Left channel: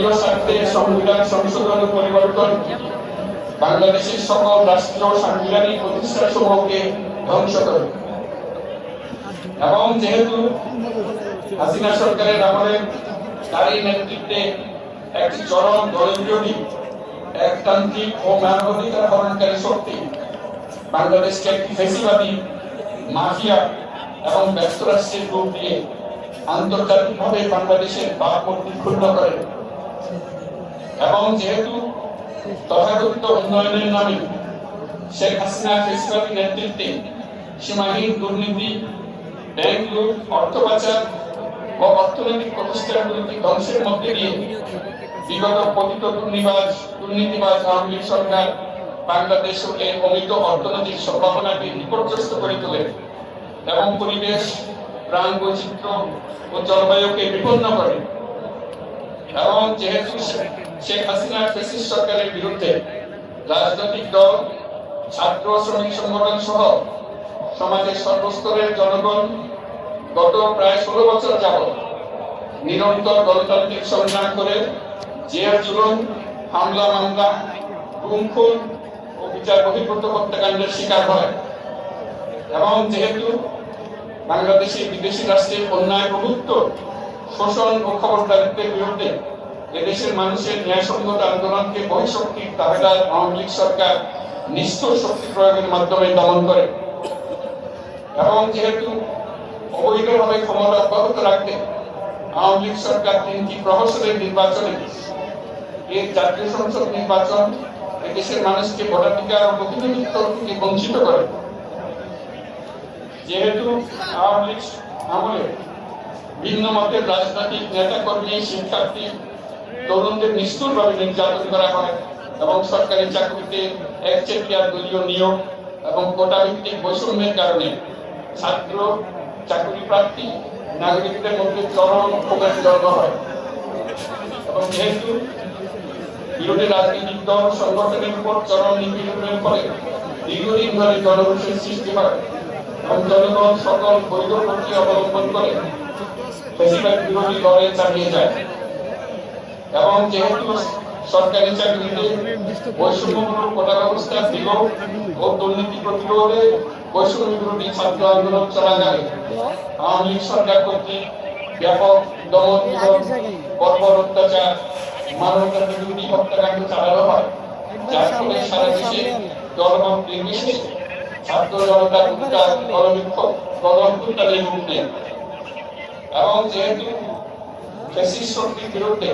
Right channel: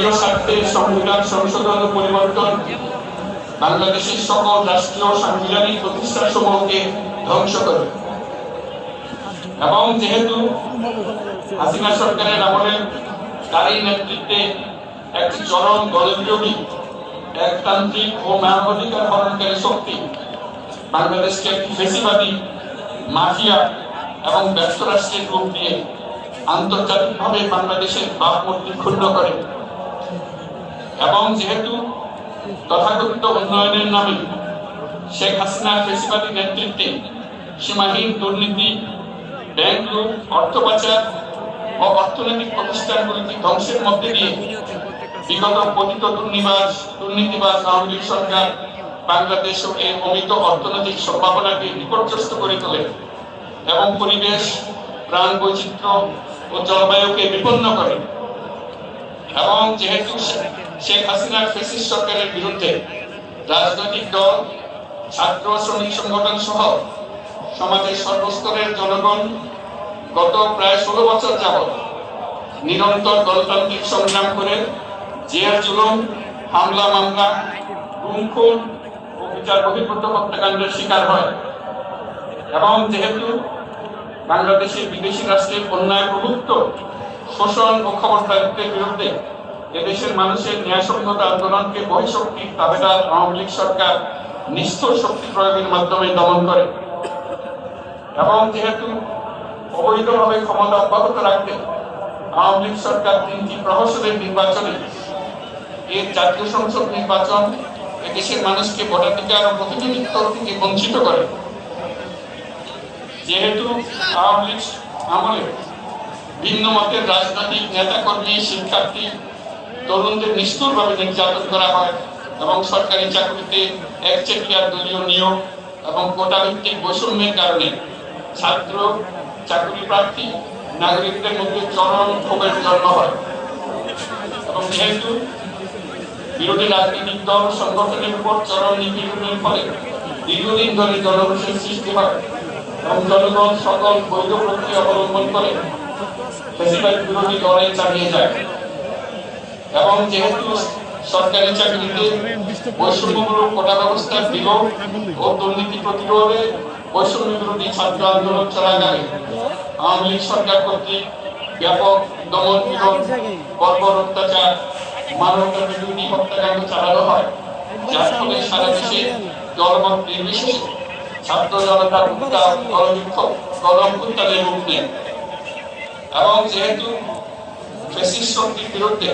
দলীয় স্বার্থে সংবিধান সংশোধন ও পরিবর্তন বাংলাদেশের সকল রাষ্ট্রীয় সাংবিধানিক প্রতিষ্ঠানসমূহকে ধ্বংস করে। এবং যেহেতু হাসিনা সরকারের আমলে তারই নেতৃত্বে একটি চরম দলবিরোধী একতান্ত্রিক ও মানবাধিকার হরণকারী শক্তি বাংলাদেশকে একটি ফ্যাসিবাদী মাফিয়া এবং ব্যর্থ রাষ্ট্রের রূপ দিয়ে আন্তর্জাতিকভাবে বাংলাদেশের ভাবমূর্তি ক্ষুণ্ণ করে। এবং যেহেতু তথাকথিত উন্নয়নের নামে শেখ হাসিনার ফ্যাসিবাদী নেতৃত্বে সীমাহীন দুর্নীতি, ব্যাংক লুট, অর্থ পাচার ও অর্থনৈতিক প্রতিষ্ঠানগুলিকে ধ্বংসের মধ্যে দিয়ে বিগত পতিত দুর্নীতিবাজ আওয়ামী লীগ সরকার বাংলাদেশ ও এর অমিত অর্থনৈতিক সম্ভাবনাকে বিপর্যস্ত করে তোলে এবং পরিবেশ, প্রাণ বৈচিত্র্য ও জলবায়ুকে বিপন্ন করে। এবং যেহেতু শেখ হাসিনার ফ্যাসিস্ট সরকারের বিরুদ্ধে রাজনৈতিক দল, ছাত্র শ্রমিক সংগঠন সহ সমাজের সর্বস্তরের জনগণ গত প্রায় 16 বছর যাবৎ নিরন্তর গণতান্ত্রিক সংগ্রাম করে জেল জুলুম, হামলা মামলা, গুম খুন ও বিচার বহির্ভূত হত্যাকাণ্ডের শিকার হয়। এবং যেহেতু বাংলাদেশের বিদেশি রাষ্ট্রের অন্যায় প্রভুত্ব, শোষণ ও খবরদারিত্বের বিরুদ্ধে এদেশের মানুষের ন্যায়সঙ্গত আন্দোলনকে বহিঃশক্তির দাবিদার আওয়ামী লীগ সরকার নিষ্ঠুর শক্তি প্রয়োগের মাধ্যমে দমন করে। এবং যেহেতু অবৈধভাবে ক্ষমতা অব্যাহত রাখতে আওয়ামী লীগ সরকার 3টি প্রহসনের নির্বাচনে এর জাতীয় সংসদ নির্বাচন এদেশের মানুষকে ভোটাধিকার ও প্রতিনিধিত্ব থেকে বঞ্চিত করে। যেহেতু আওয়ামী লীগ আমলে ভিন্ন মতের রাজনৈতিক নেতাকর্মী, শিক্ষার্থী, তরুণদের নিষ্ঠুরভাবে নির্যাতন করা হয় এবং সরকারি চাকরিতে একচেটিয়া দলীয় নিয়োগ এবং কোটা ভিত্তিক বৈষম্যের কারণে ছাত্র, চাকরি প্রার্থী, নাগরিকদের মধ্যে চরম ক্ষোভের জন্ম হয়। এবং যেহেতু বিরোধী রাজনৈতিক দল সংগঠনের উপর চরম নিপীড়নের ফলে দীর্ঘদিন ধরে জনরোষের সৃষ্টি হয় এবং জনগণ সকল বৈধ প্রক্রিয়া অবলম্বন করে ফ্যাসিবাদ বিরোধী লড়াই চালিয়ে যায়। এবং যেহেতু সরকারি চাকরিতে বৈষম্যমূলক কোটা ব্যবস্থার বিলোপ ও দুর্নীতি প্রতিরোধে বৈষম্য বিরোধী ছাত্র আন্দোলন চলাকালে আওয়ামী লীগ সরকার কর্তৃক ব্যাপক দমন, বর্বর অত্যাচার, মানবতা বিরোধী হত্যাকাণ্ড চালানো হয়, যার ফলে সারা দেশে দলমত নির্বিশেষে ছাত্র জনতার উত্তাল গণঅভ্যুত্থানে রূপ নেয়। এবং যেহেতু ফ্যাসিস্ট শক্তির বিরুদ্ধে